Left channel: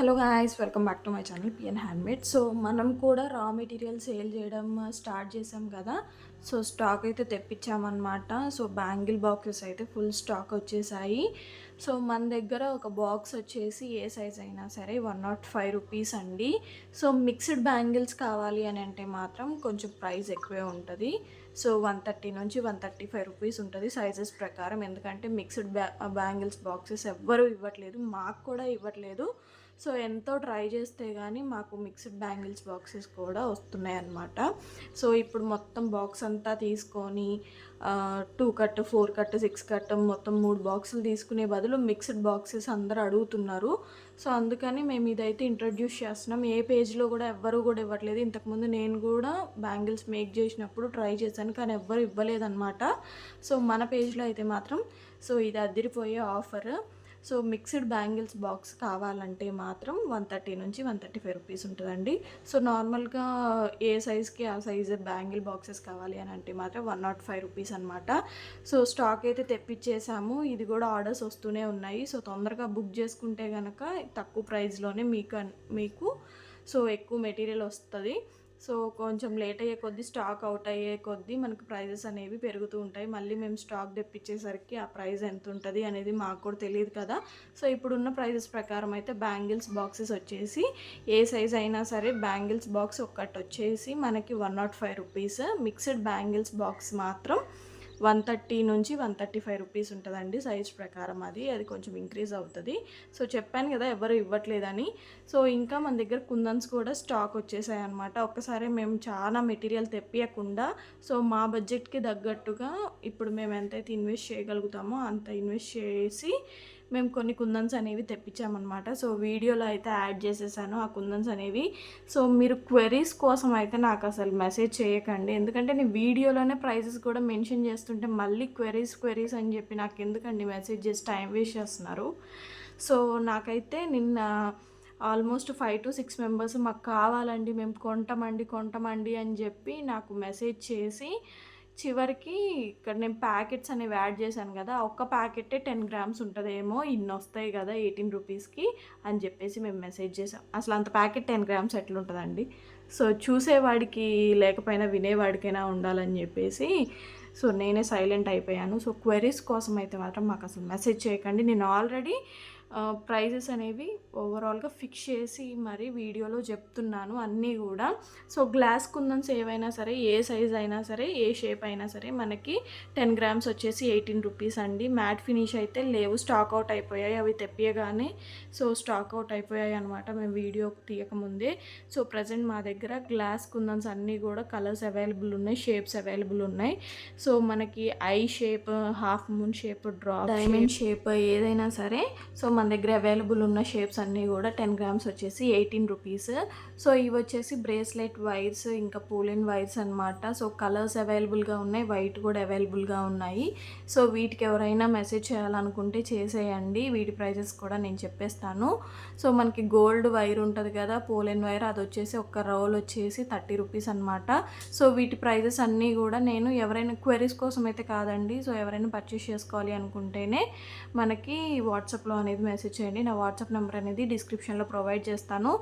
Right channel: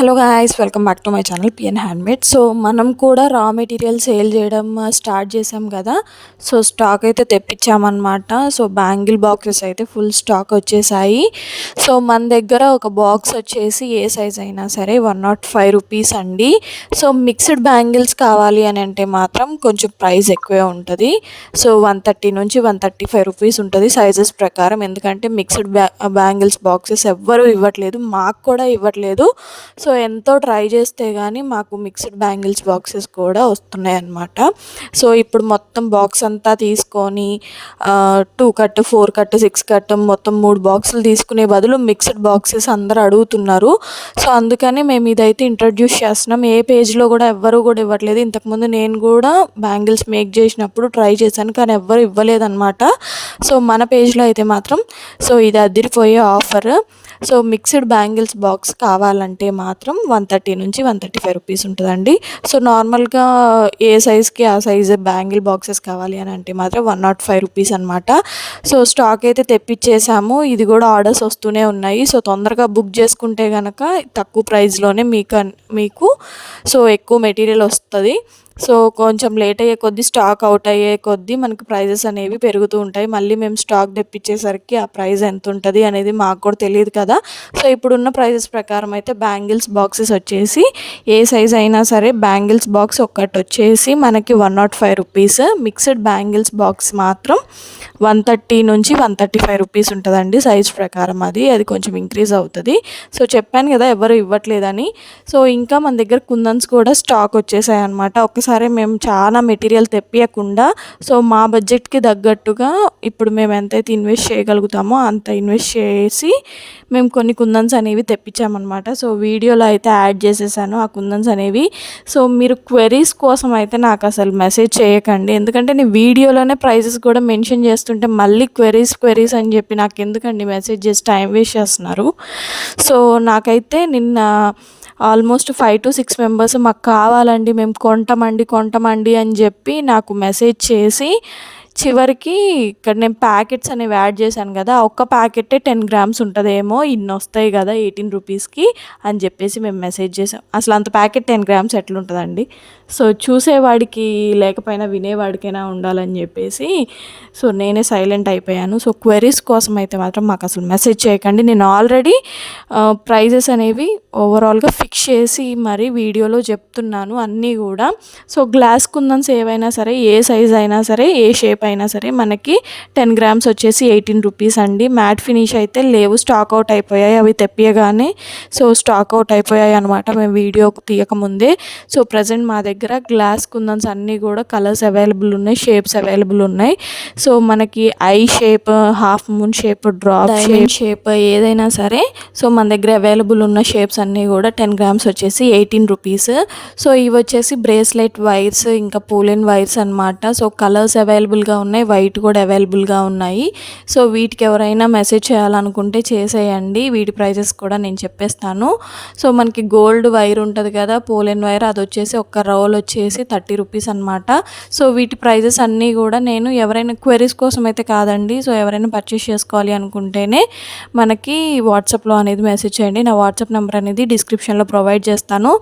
Hello guys, welcome back to my channel PN handmade. So మనం కూడా raw material sale చేయడం start చేసాం కదా. సో స్టాక్ అయితే తెప్పించామన్నమాట. సో బ్యాంగిల్ బాక్సెస్ అయితే ఫుల్ స్టాక్ వచ్చేసాయి. సో మన దగ్గర ఒక బాక్స్ వచ్చేసి ఏ సైజ్ అయినా సరే 105 రూపీస్ అండి. సో మిక్స్డ్ బ్యాంగిల్స్ కావాలి అని అంటే మాత్రం కొంచెం ప్రైస్ ఎక్కువే ఉంటుంది. సో 130 నుంచి 135 రూపీస్ ఉంటుంది సైజెస్ ప్రకారం. ఎందుకంటే మిక్స్డ్ బ్యాంగిల్స్ బాక్సెస్ ఎవ్వరూ ఇవ్వట్లేదు, మాకు కూడా ఇవ్వట్లేదు. సో ఎంతో ట్రై చేస్తే కానీ మాకు మిక్స్డ్ బ్యాంగిల్స్ బాక్సెస్ కూడా వస్తున్నాయి అన్నమాట. సో ఇప్పుడు మొత్తం బాక్స్ అంతా తీసుకొని 2 కట్ 4 కట్ 6 కట్ మొత్తం 3 బాక్సులు తీసుకునే బదులు మిక్స్డ్ బాక్సెస్ అందరూ అడుగుతున్నారు. సో అందుకని మేము ఇదైతే ఇంట్రడ్యూస్ చేస్తున్నాం. ఏ పేజ్లో కూడా ఎవ్వరూ కూడా ఇవ్వట్లేదు. ఇంతకుముందు నేను కూడా బ్యాంగిల్స్ మేక్ చేసినప్పుడు ట్రై చేశాను, కానీ ఎవ్వరు ఇవ్వలేదన్నమాట. సో మన పేజ్లో అయితే మాత్రం సో ఇది అదిరిపోయే offer. So mixed bangles box కావాలంటే మాత్రం 130 నుంచి 135 రూపీస్ ఉంటుందండి. సో నార్మల్గా ఏ సైజ్కి ఆ సైజ్ బ్యాంగిల్ బాక్సెస్ కావాలి అని అంటే మాత్రం 105 రూపీస్ అనమాట. సో స్టాక్ అయితే తెప్పించేసాము. ఇది కూడా ఆర్డర్స్ వస్తూనే ఉన్నాయి. సో తొందరగా బుక్ చేసుకుంటే కనుక తక్కువ ప్రైస్లోనే మీకు సో ఎక్కువ మెటీరియల్ వస్తుంది. సో కొంచెం లేట్ అయ్యే కొద్దీ, స్టాక్ అవుట్ అయ్యే కొద్దీ మనకు ప్రైజెస్ అనేవి పెరుగుతూ ఉంటాయి. మళ్ళీ మేము స్టాక్ తెప్పించేసరికి ఆ ప్రైస్ ఎంత ఉంటుంది అనేది మాకు కూడా తెలియదు కదా. సో ఇప్పుడున్న ప్రైజెస్ ప్రకారం అయితే బ్యాంగిల్స్ బాక్సెస్ వచ్చేసి ఏ సైజ్ అయినా సరే బ్యాంగిల్స్ బాక్స్ ఒక్కటి వచ్చేసి మనకి 105 రూపీస్. మిక్స్డ్ బ్యాంగిల్స్ బాక్స్ మాత్రం 130 నుంచి 135 రూపీస్ ఉంటుందండి సైజ్ ప్రకారం. అది కొంచెం ఇంక్రీజ్ అవుతుంది. సో చెప్పాను కదా ఎవరు ఇవ్వట్లేదని. సో ఇంకా మన దగ్గర కుందన్స్ కూడా స్టాక్ వచ్చేసాయి అనమాట. ఒకసారి మేము చాలా మెటీరియల్ తెప్పియకుండా సో మా బడ్జెట్కి తగ్గట్టుగా ఇప్పుడు మేము ఎంతైతే ఇన్వెస్ట్ చేయగలుగుతామో అంత ఇన్వెస్ట్ చేసి మేము కొన్ని కుందన్స్ అనేవి తెప్పించామన్నమాట. సో వీడియోలో అయితే యాడ్ చేసేసాను ఆ కుందన్స్ అనేవి. సో మీరు క్వెరీస్ కోసం అయితే నాకు అసలు మెసేజ్ చేయకండి, ఎందుకంటే నేను వీడియోలోనే ప్రైజెస్ కూడా మెన్షన్ చేస్తుంటే మళ్ళీ క్వెరీస్ అని చెప్పి నాకు ఎందుకండి మెసేజ్ చేసి టైం వేస్ట్ చేస్తున్నారు. సో నాకైతే నిన్న ఆల్మోస్ట్ 5 to 6 మెంబర్స్ మాకు కావాలండి, మేము కొంటామండి అని చెప్పి నాకు మెసేజ్ చేసి చివరికి ఇక్కడ నేను ప్యాకెట్స్ అనేవి యాడ్ చేశాను కదా, ఒక్క ప్యాకెటే 10 గ్రామ్స్ ఉంటుందేమో, ఇన్ని వస్తాయి కదా 18 రూపీస్కి అని చెప్పేసి మేము మెసేజ్ చేసాం. అసలు అంత ప్యాకెట్ 10 గ్రామ్స్ ఎట్లుంటుందండి. సో చూసేవాడికి లేకపోయినా వినేవాడికైనా ఉండాలని చెప్పేసి సో నేనే సైలెంట్ అయిపోయాను. సో క్వెరీస్ కోసం అయితే మాత్రం మాకు అసలు మెసేజ్ చేయకండి. నేను ఆల్రెడీ ప్రైజెస్ అనేవి ఓవరాల్గా ఫిక్స్ చేసి మరి వీడియోలో చెప్తున్నాను అన్నీ కూడా. సో గ్లాస్ కుందన్స్ ఏవైనా సరే, ఏ సైజ్ అయినా సరే, ఏ షేప్ అయినా సరే మనకి 10 గ్రామ్స్ వచ్చేసి 18 రూపీస్ అండి. మ్యాట్ ఫినిష్ అయితే లేవు, స్టాక్ అవుట్ అయిపోయాయి. అవి తెప్పియగానే సో స్టాక్ అవుట్ అయిపోయాయి అనమాట మేము వీడియో తీయకముందే. సో ప్రజెంట్ మా దగ్గర గ్లాస్ కుందన్స్ అన్నీ కూడా కలర్స్ అవైలబుల్ ఉన్నాయి, షేప్స్ అవైలబుల్ ఉన్నాయి. సో మనకి I shape, half moon shape, drop shape ఏదైనా సరే సో మన దగ్గర అవైలబుల్ ఉన్న షేప్స్ అన్నీ కూడా 10 గ్రామ్స్ వచ్చేసి 18 రూపీస్. సో ఇవి వచ్చేసి బ్రేస్లెట్ వైర్స్, ఇంకా పూలెన్ వైర్స్ అనమాట. సో కలర్స్ అవైలబుల్గా ఉన్నాయి, వైట్ కూడా అవైలబుల్గా ఉన్నాయి. సో వీటికి ఎవరైనా మెసేజ్ చేయాలనుకుంటే చేసేయండి. వీటి ప్రైజెస్ కూడా నేను చెప్పేస్తాను. సో మనకి గోల్డ్ వైర్ ఉంటుంది కదా, పూలెన్ వైర్, అది వచ్చేసి ఒక రోల్ వచ్చేసి 30 రూపీస్ అనమాట. సో వీటి ప్రైజెస్ అన్నీ కూడా నేను ఎవరైనా క్వెరీస్ కోసం అయితే కాదండి. సో ఎవరైనా పర్చేస్ చేసుకోవాలి అనుకుంటేనే మనకి వాట్సాప్లో అనేది మెసేజ్ చేయండి. నా వాట్సాప్ నెంబర్ అనేది డిస్క్రిప్షన్లో ప్రొవైడ్ చేస్తాను.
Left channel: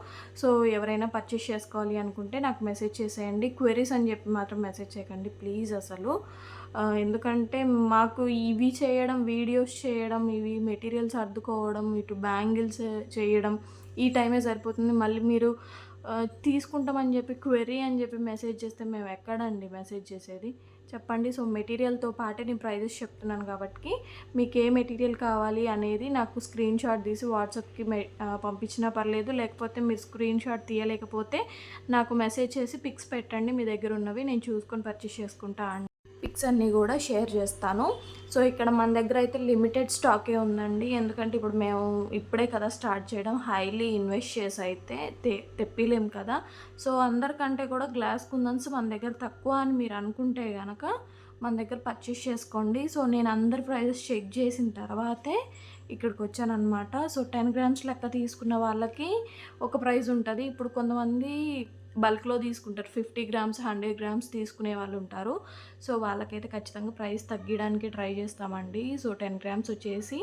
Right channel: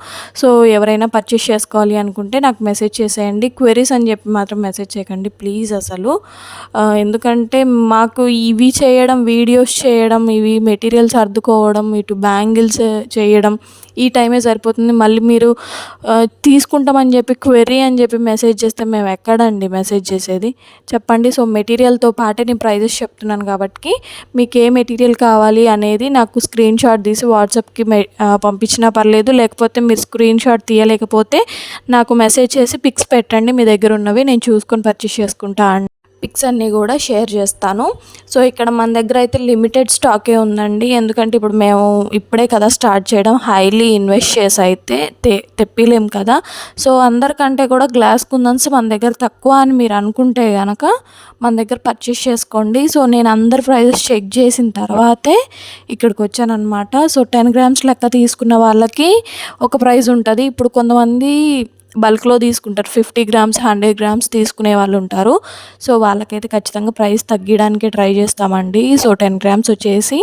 సో ఎవరైనా పర్చేస్ చేసుకోవాలి అనుకుంటే నాకు మెసేజ్ చేసేయండి. క్వెరీస్ అని చెప్పి మాత్రం మెసేజ్ చేయకండి ప్లీజ్ అసలు. ఎందుకంటే మాకు ఇవి చేయడం, వీడియోస్ చేయడం, ఇవి మెటీరియల్స్ సర్దుకోవడం, ఇటు బ్యాంగిల్స్ చేయడం ఈ టైమే సరిపోతుంది. మళ్ళీ మీరు తీసుకుంటామని చెప్పి క్వెరీ అని చెప్పి మెసేజ్ చేస్తే మేము ఎక్కడండి మెసేజ్ చేసేది చెప్పండి. సో మెటీరియల్తో పాటే నేను ప్రైజెస్ చెప్తున్నాను కాబట్టి మీకు ఏ మెటీరియల్ కావాలి అనేది నాకు స్క్రీన్ షాట్ తీసి వాట్సాప్కి పంపించినా పర్లేదు, లేకపోతే మీరు స్క్రీన్ షాట్ తీయలేకపోతే నాకు మెసేజ్ చేసి పిక్స్ పెట్టండి మీ దగ్గర ఉన్నవి, నేను చూసుకొని పర్చేస్ చేసుకుంటా. పిక్స్ అన్నీ కూడా షేర్ చేస్తాను. సో ఇక్కడ మన దగ్గర అయితే లిమిటెడ్ స్టాకే ఉందండి, ఎందుకంటే ఇప్పుడు మేము ఇప్పుడే కదా స్టార్ట్ చేయడం, హైలీ ఇన్వెస్ట్ చేసి అయితే తెప్పిలేం కదా. సో అందరికంటే కూడా గ్లాస్ కుందన్స్ మన దగ్గర తక్కువ అని మీరు అనుకుంటే కనుక మన దగ్గర పర్చేస్ చేసుకోండి. సో నేను అందరి ప్రైజెస్ చెక్ చేసిన తర్వాతే ఇక్కడికి వచ్చానమాట. సో 10 గ్రామ్స్ లెక్క తీసుకున్న వాళ్ళకి ఒక ప్రైస్ ఉంటుంది. ఇప్పుడు కొంతమంది బల్క్లో తీసుకుంటారు, 50 గ్రామ్స్ 100 గ్రామ్స్ తీసుకునే వాళ్ళు ఉంటారు. సో వాళ్ళకైతే ఖచ్చితంగా ప్రైస్ తగ్గించడానికి ట్రై చేస్తామండి. సో 10 గ్రామ్స్ వచ్చేసి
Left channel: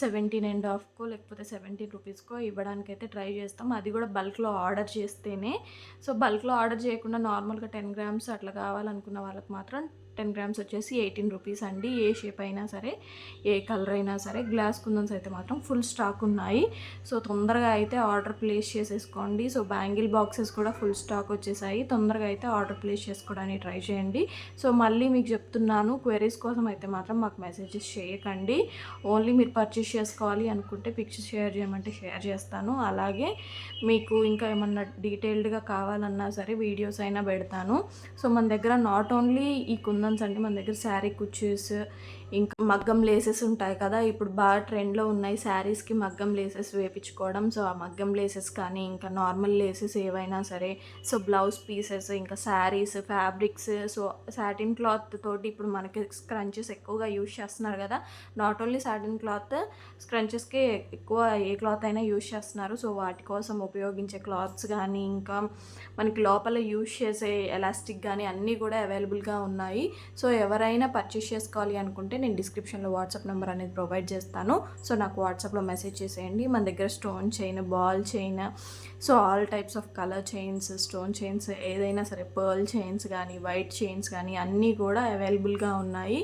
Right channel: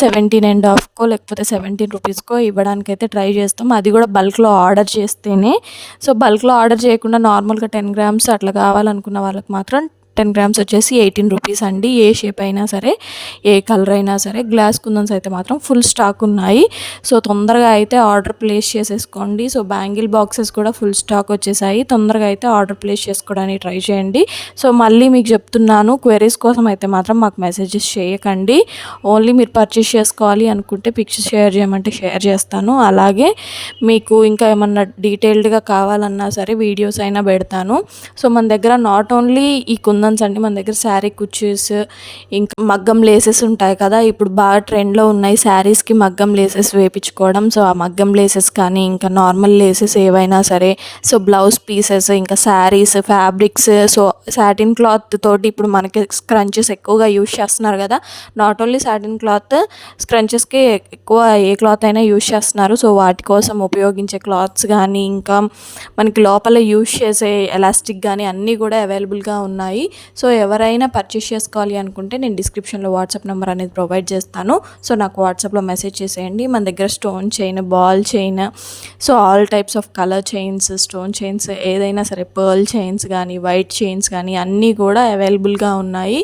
17.5కో లేకపోతే 17 రూపీస్కో ఇవ్వడానికైతే ట్రై చేస్తాం. అది కూడా బల్క్లో ఆర్డర్ చేస్తేనే. సో బల్క్లో ఆర్డర్ చేయకుండా నార్మల్గా 10 గ్రామ్స్ అట్లా కావాలనుకున్న వాళ్ళకి మాత్రం 10 గ్రామ్స్ వచ్చేసి 18 రూపీస్ అండి. ఏ షేప్ అయినా సరే, ఏ కలర్ అయినా సరే. గ్లాస్ కుందన్స్ అయితే మాత్రం ఫుల్ స్టాక్ ఉన్నాయి. సో తొందరగా అయితే ఆర్డర్ ప్లేస్ చేసేసుకోండి. సో బ్యాంగిల్ బాక్సెస్ కూడా ఫుల్ స్టాక్ వచ్చేసాయి. తొందరగా అయితే ఆర్డర్ ప్లేస్ చేసుకోవడానికి ట్రై చేయండి. సో మళ్ళీ మీకు చెప్తున్నాను, క్వెరీస్ కోసం అయితే మాత్రం మాకు మెసేజెస్ చేయకండి. ఓన్లీ మీరు పర్చేస్ చేసుకోవాలి అనుకుంటే పిక్చర్స్ షేర్ చేయమంటే షేర్ చేస్తాను. అలాగే మీకు ఇంకా ఏమన్నా డీటెయిల్డ్గా కావాలన్నా సరే వీడియోస్ అయినా పెడతాను. సో మన దగ్గర నాట్ ఓన్లీ ఈ కుందన్స్ అండి, మన దగ్గర శారీ కుర్చీస్, ఇంకా మగ్గం లేసెస్ ఉంటాయి కదా, ఇప్పుడు బాగా ట్రెండ్లో ఉన్నాయి శారీస్కి మగ్గం లేసెస్ వేయించుకోవడం. సో ఆ మగ్గం లేసెస్ కానీ ఇంకా నార్మల్ లేసెస్ ఏవైనా సరే, సో బ్లౌజ్ పీసెస్, ఇంకా saris, fabrics, so satin cloth తోటి ఇప్పుడు మనకి స్క్రంచెస్ ఎక్కువగా యూజ్ చేస్తున్నారు కదా. నాట్ ఓన్లీ సాటిన్ క్లాత్, స్క్రంచెస్కి ఎక్కువ ఏ క్లాత్ అయినా యూజ్ చేస్తున్నారు. సో వాటి కోసం ఉపయోగించే క్లాత్స్ కానీ, ఇంకా మనకి లోపల యూజ్ చేసే ఎలాస్టిక్ కానీ అన్నీ కూడా అవైలబుల్గా ఉన్నాయి. సో ఎవరైనా పర్చేస్ చేసుకోవాలి అనుకుంటే నేను డిస్క్రిప్షన్లో వాట్సాప్ నెంబర్ అనేది ప్రొవైడ్ చేస్తాను. సో నాకు వాట్సాప్లో మెసేజ్ చేసేయండి. మన దగ్గర stone chain, ball chain, so all types of colour chains, stone chains ఏదైనా సరే, పర్ల్ చైన్స్ కానీ, వైట్ చైన్స్ కానీ అన్నీ కూడా అవైలబుల్గా ఉన్నాయి.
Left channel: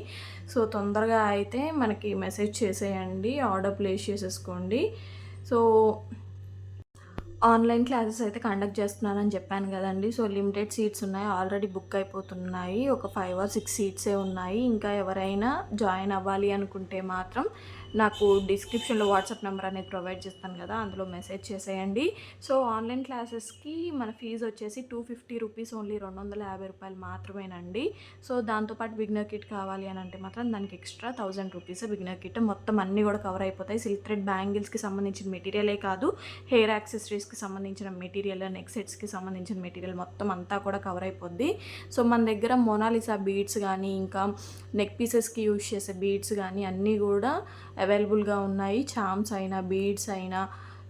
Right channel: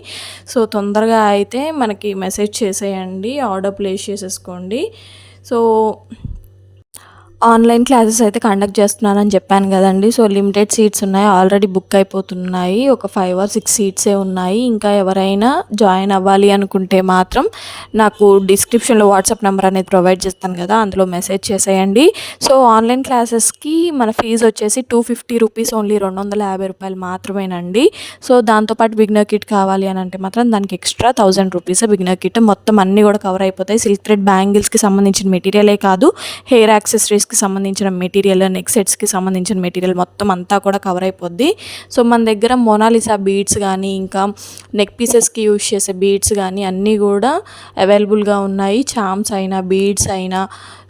సో తొందరగా అయితే మనకి మెసేజ్ చేసేయండి, ఆర్డర్ ప్లేస్ చేసేసుకోండి. సో ఆన్లైన్ క్లాసెస్ అయితే కండక్ట్ చేస్తున్నానని చెప్పాను కదండి. సో లిమిటెడ్ సీట్స్ ఉన్నాయి, ఆల్రెడీ బుక్ అయిపోతున్నాయి. ఒక 5 or 6 సీట్సే ఉన్నాయి. ఇంకా ఎవరైనా జాయిన్ అవ్వాలి అనుకుంటే మాత్రం నాకు డిస్క్రిప్షన్లో వాట్సాప్ నెంబర్ అనేది ప్రొవైడ్ చేస్తాను కదా, అందులో మెసేజ్ చేసేయండి. సో ఆన్లైన్ క్లాసెస్కి మన ఫీజు వచ్చేసి 250 రూపీస్, ఓన్లీ 250 రూపాయలు మాత్రమేనండి. సో దాంతోపాటు బిగినర్ కిట్ కావాలి అని అంటే మాత్రం దానికి ఎక్స్ట్రా 1000 రూపీస్ బిగినర్ కిట్. మొత్తం అన్నీ కూడా కవర్ అయిపోతాయి. సిల్క్ థ్రెడ్ బ్యాంగిల్స్కి సంబంధించిన మెటీరియలే కాదు, హెయిర్ యాక్సెసరీస్కి సంబంధించిన మెటీరియల్, నెక్ సెట్స్కి సంబంధించిన మెటీరియల్ మొత్తం అంతా కూడా కవర్ అయిపోద్ది. సో మన దగ్గర మొనాలిసా బీడ్స్ కానీ, ఇంకా నెక్ పీసెస్కి యూజ్ చేసే బీడ్స్ కానీ అన్నీ కూడా అవైలబుల్గా ఉన్నాయి. చామ్స్ అయినా, బీడ్స్ అయినా,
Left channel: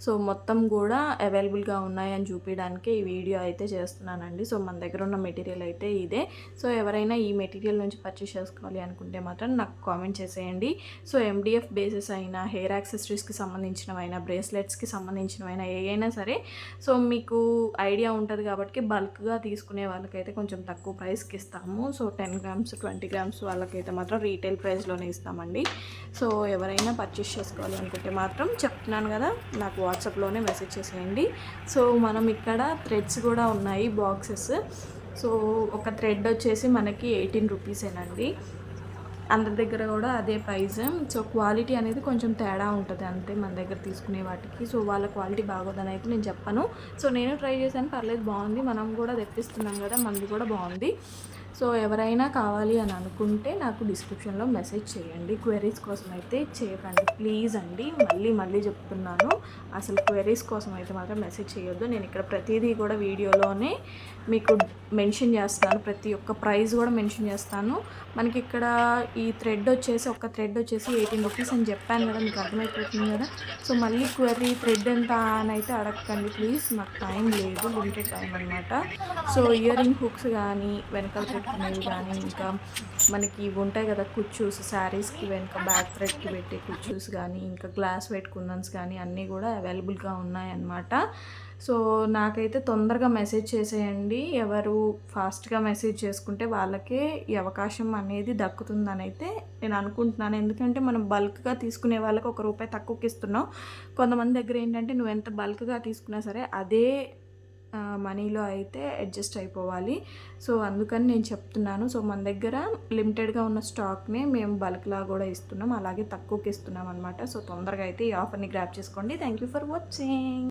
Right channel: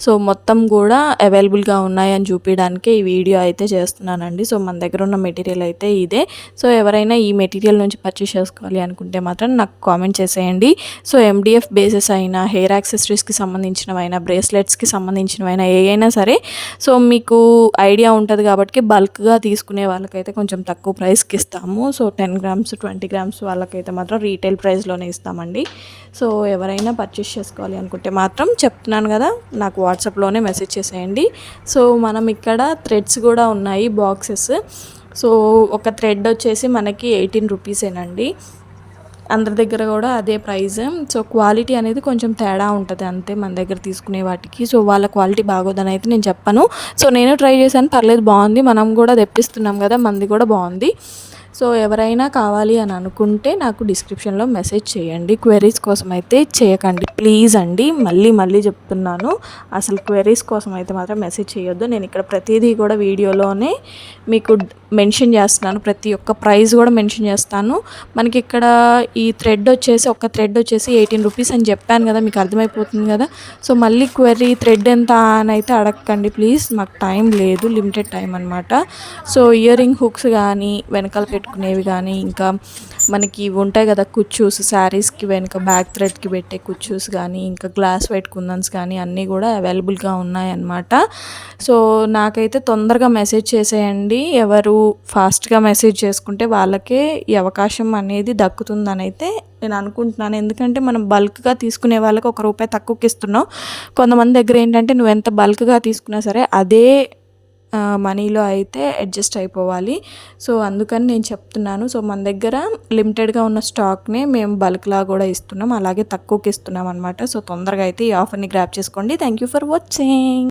సో మొత్తం కూడా అవైలబుల్గా ఉన్నాయని చూపించడానికి ఈ వీడియో అయితే చేస్తున్నానండి. సో మన దగ్గర ఉన్న మెటీరియల్ అయితే ఇదే. సో ఎవరైనా ఈ మెటీరియల్ నుంచి పర్చేస్ చేసుకోవాలి అనుకుంటే మాత్రం నాకు కామెంట్ చేసేయండి. సో MDF బేసెస్ అయినా, హెయిర్ యాక్సెసరీస్కి సంబంధించినవైనా, బ్రేస్లెట్స్కి సంబంధించినవైనా ఏవైనా సరే, సో మీకు ఐడియా ఉంటుంది కాబట్టి బల్క్గా తీసుకునే వాళ్ళకైతే కొంచెం తక్కువ ప్రైస్కి ఇస్తాము. సో 10 గ్రామ్స్ 20 గ్రామ్స్ వాళ్ళకైతే మాత్రం రీటైల్ ప్రైస్లోనే ఇస్తామండి. సో ఎవరైనా పర్చేస్ చేసుకోవాలి అనుకుంటే మాత్రం చెప్తున్నాను కదా, నాకు వాట్సాప్లోనే మెసేజ్ చేసేయండి. సో మనం ఇక్కడ థ్రెడ్స్ కూడా ఉన్నాయి, బాక్సెస్. సో ఒక థ్రెడ్ వచ్చేసి మనకి 18 రూపీసేనండి. అందరి దగ్గర కూడా అదే ప్రైస్. సో క్వాలిటీ అనేది కొంచెం తేడా ఉంటుంది అంతే మన దగ్గర తీసుకునే వాటికి. సో వాళ్ళ క్వాలిటీ బాగోదని అయితే నేను చెప్పను. సో నేను ట్రై చేశాను, పర్లేదు, బాగుంది. మనం కూడా తెప్పిస్తున్నాం కదా, మనది కూడా బాగుంది. సో ఎవరైనా కావాలి అని అనుకుంటే నాకు డిస్క్రిప్షన్లో మెసేజ్ చేయండి. క్వెరీస్ కోసం అయితే చేయకండి ప్లీజ్ అండి, మళ్ళీ మళ్ళీ చెప్తున్నాను. అసలు క్వెరీస్ కోసం అయితే మాత్రం మెసేజ్ చేయొద్దు. నేను ఇక్కడ ప్రతిదీ కూడా వీడియోలోనే మీకు మెన్షన్ చేస్తున్నాను, ప్రతి ఒక్క ప్రైస్ కూడా మెన్షన్ చేస్తాను. మనకి ఇక్కడ ఈ థ్రెడ్ వచ్చేసి, ఒక థ్రెడ్ వచ్చేసి 18 రూపీస్ అని చెప్పాను కదా, మీకు అర్థమైపోతుంది కదా. సో మళ్ళీ క్వెరీ థ్రెడ్ ఎంత అని అయితే అడగకండి ప్లీజ్, మాకు టైం లేదు, లిమిటెడ్ టైం అనమాట. సో ఇయర్ రింగ్ హుక్స్ కానీ, వెనకాల పెట్టుకునేవి కానీ, ఇంకా మనకి ఇవి ఉంటాయి కదా కుచ్చూస్, శారీస్కి వెనుక బ్యాక్ థ్రెడ్కి పెట్టే కుచ్చూస్ కానీ, ఇంకా గ్లాస్ వైట్ కుందన్స్ కానీ అన్నీ కూడా అవైలబుల్గా ఉన్నాయన్నమాట. సో నాకైతే తొందరగా మెసేజ్ చేసేయండి. ఎవరు ఫాస్ట్గా మెసేజ్ చేసుకుంటే వాళ్ళకే ఈ అవకాశం అనేది దక్కుతుందని అయితే నేను అనుకుంటున్నాను. ఎందుకంటే మనం బల్క్గా తీసుకునే వాళ్ళకి ₹1 తక్కువకి ఇస్తున్నాం. కొంతమంది దగ్గర ఏంటంటే నువ్వు ఎంత బల్క్గా తీసుకున్నా సరే అదే మనీలో అయితే అడ్జస్ట్ అయిపోవాలి. సో అందుకని నేను చెప్తున్నాను. సో మన దగ్గర లిమిటెడ్గా ఉన్న స్టాక్నే మేము బల్క్లా కూడా ఇస్తున్నాం, అలాగే తక్కువకి ఇస్తున్నాం అనమాట. సో తొందరగా అయితే ఈ ఆఫర్ని గ్రాప్ చేసుకోండి. Thank you for watching.